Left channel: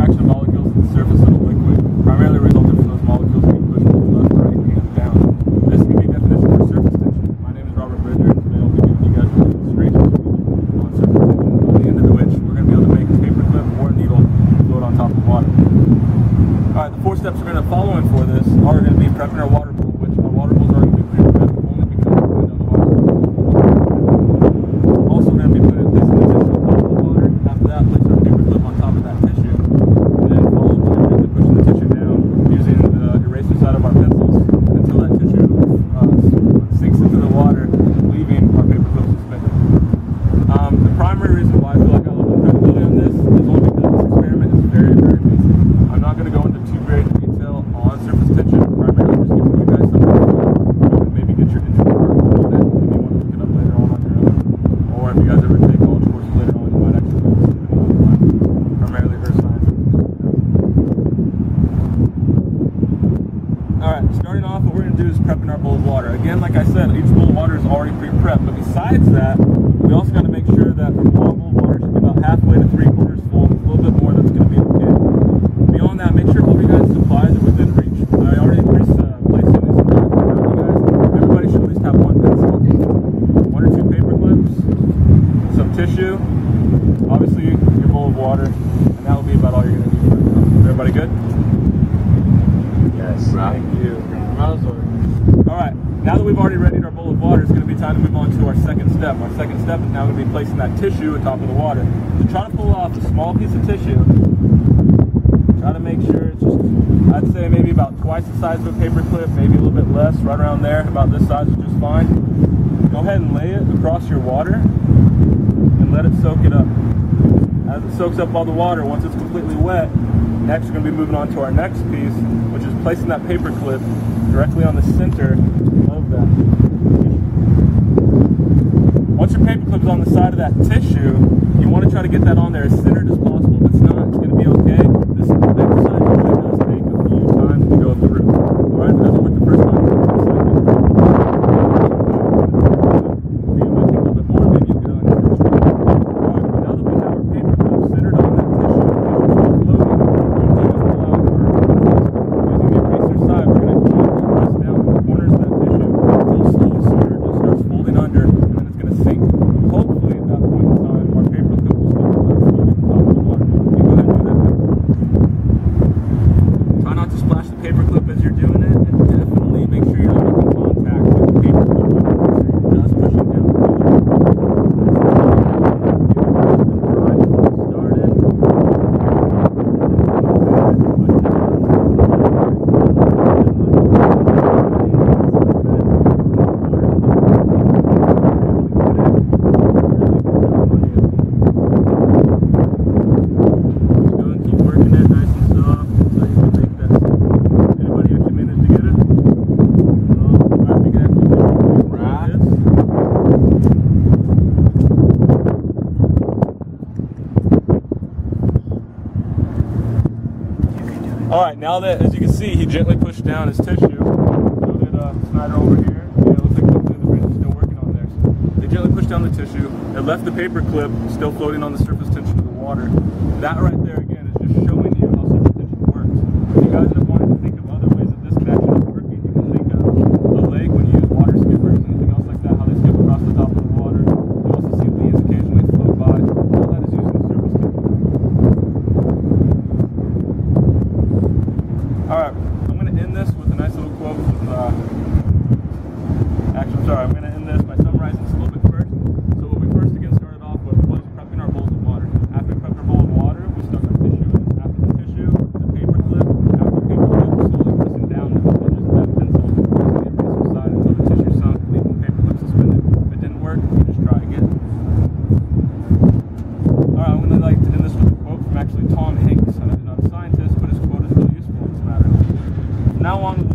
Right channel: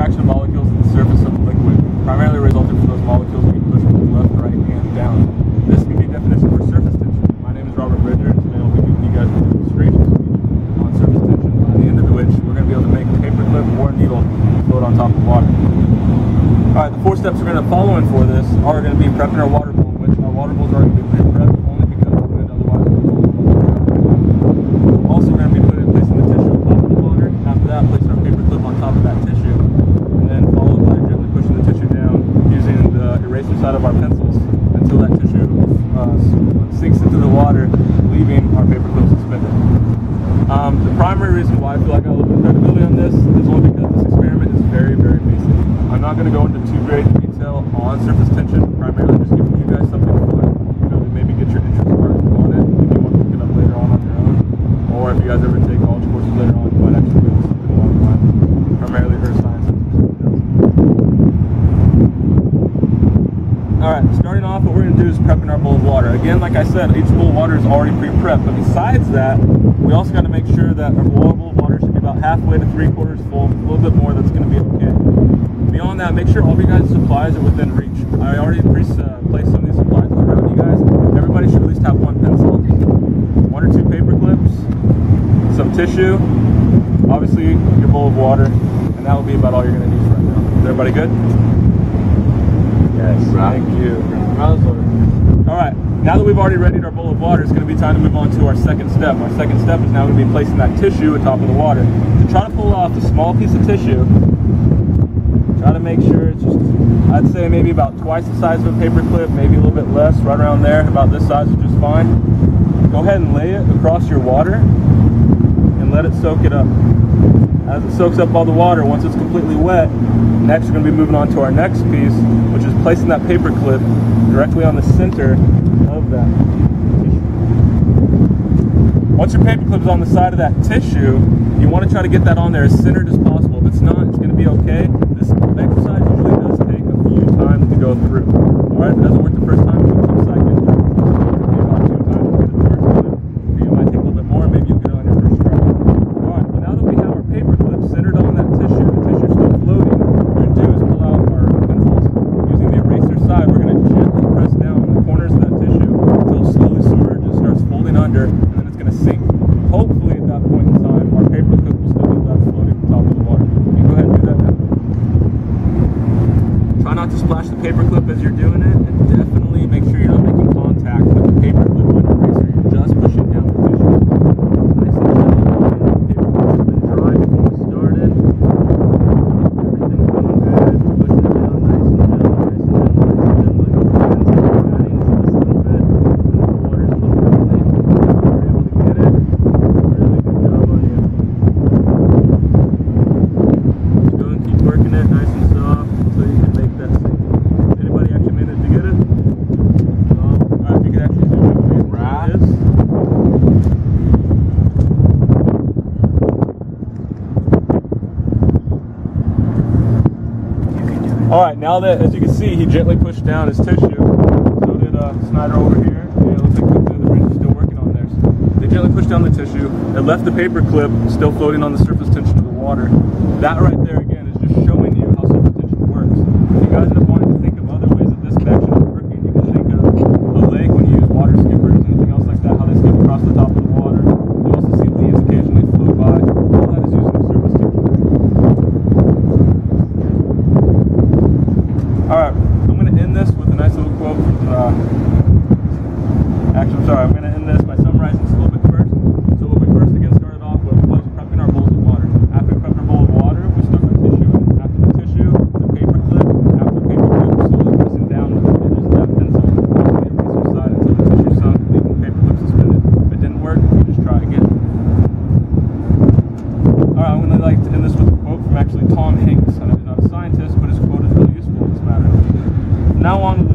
attraction of molecules to the surface of a liquid, primarily resulting from those molecules being pushed both left, right, and down. This can be a definition for surface tension. My name is Robert Bridger, and today I'll be giving you guys a demonstration speech on surface tension, by the end of which we're going to be able to make a paperclip or a needle float on top of water. Alright, the 4 steps we're going to follow in for this are going to be prepping our water bowl, which our water bowls are going to be pre-prepped only because of wind, otherwise we're going to go. Also, we're going to be placing the tissue on top of the water. After that, place our paperclip on top of that tissue, and then followed by gently pushing the tissue down using the eraser side of our pencils until that tissue sinks into the water, leaving our paperclip suspended. The primary reason why I feel like I have a little bit of credibility on this is only because this experiment is very, very basic. I'm not going to go into too great detail on surface tension, primarily just giving you guys something fun, maybe get your interest sparked on it if you want to look it up later on your own, or if you guys ever take college courses later on, you might actually do something along the lines, primarily earth sciences or something else. Alright, starting off, what we're going to do is prepping our bowl of water. Again, like I said, each bowl of water is already pre-prepped, but besides that, we also got to make sure that our bowl of water should be about halfway to 3/4 full. A little bit more, that's going to be okay. Beyond that, make sure all of your guys' supplies are within reach. I already placed some of these supplies around you guys. Everybody should at least have 1 pencil, 1 or 2 paper clips, some tissue, obviously your bowl of water, and that will be about all you're going to need right now. Is everybody good? Yes, thank you. Alright, now that we've already readied our bowl of water, it's going to be time to move on to our second step. Our second step is now going to be placing that tissue atop of the water. To try to pull off a small piece of tissue, try to make sure it's just, I'd say maybe about twice the size of a paper clip, maybe a little bit less, right around there, about this size is just fine. Go ahead and lay it across your water and let it soak it up. As it soaks up all the water, once it's completely wet, next we're going to be moving on to our next piece, which is placing that paper clip directly on the center of that tissue. Once your paper clip is on the side of that tissue, you want to try to get that on there as centered as possible. If it's not, it's going to be okay. This exercise usually does take a few times to go through. Alright, if it doesn't work the first time, you can keep cycling through. If it takes about 2 times to get it the first time, for you it might take a little bit more, maybe you'll get it on your first try. Alright, well now that we have our paper clip centered on that tissue, the tissue is still floating, what we're going to do is pull out our pencils. Using the eraser side, we're going to gently press down on the corners of that tissue until it slowly submerges, starts folding under, and then it's going to sink. Hopefully at that point in time, our paper clip will still be left floating on top of the water. Can you go ahead and do that now? Try not to splash the paper clip as you're doing it, and definitely make sure you're not making contact with the paper clip on your eraser. You're just pushing down the tissue. Nice and gentle. The paper clip has been dry before we started. Everything's going good. Pushing it down nice and gentle, nice and gentle, nice and gentle. I know the pencils are adding just a little bit, and the water's a little early. You're able to get it. Really good job on you. Just go and keep working it nice and soft until you can make that sink. Anybody actually managed to get it? No? Alright, if you could actually zoom in, please. Right. This. Alright, now that, as you can see, he gently pushed down his tissue. So did Snyder over here. Yeah, it looks like the bridge is still working on there. So they gently pushed down the tissue. It left the paper clip still floating on the surface tension of the water. That right there, again, is just showing you how surface tension works. If you guys end up wanting to think of other ways that this could actually be working, you can think of a lake when you use water skippers, anything else like that, how they skip across the top of the water. You also see leaves occasionally float by. All that is using the surface tension. Alright, I'm going to end this with a nice little quote from actually, I'm sorry, I'm going to end this by summarizing this a little bit first. So what we first again started off with was prepping our bowls of water. After we prepped our bowl of water, we stuck our tissue in. After the tissue, the paper clip. After the paper clip, slowly pressing down with the edges of that pencil using the eraser side until the tissue sunk, leaving the paper clip suspended. If it didn't work, you just try again. Alright, I'm going to like to end this with a quote from actually Tom Hanks. I know he's not a scientist, but his quote is really useful in this matter. From now on,